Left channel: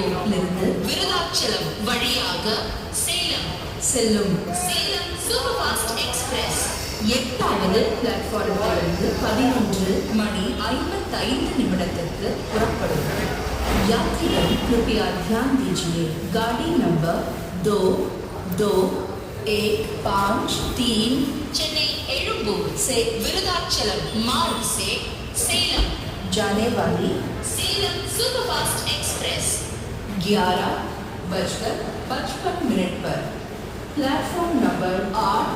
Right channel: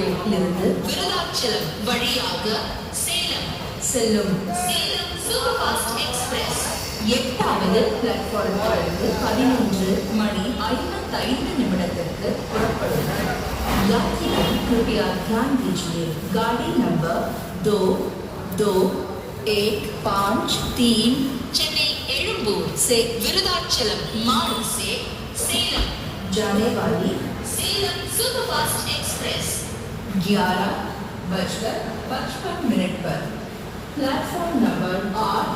எழும்பூரிலிருந்து விருதாச்சலம் வழியாக சேலம் செல்லும் சேலம் சூப்பர் ஃபாஸ்ட் எக்ஸ்பிரஸ் 8வது பிளாட்ஃபார்மிலிருந்து 11:55 புறப்படும்। यात्रियों कृपया ध्यान दीजिए, गाड़ी नंबर 2215 चेन्नई एलुम्बूर से विरुदाचलम मार्ग से सेलम जाने वाली सेलम सुपरफास्ट एक्सप्रेस 11:55 पर प्लेटफॉर्म नंबर 8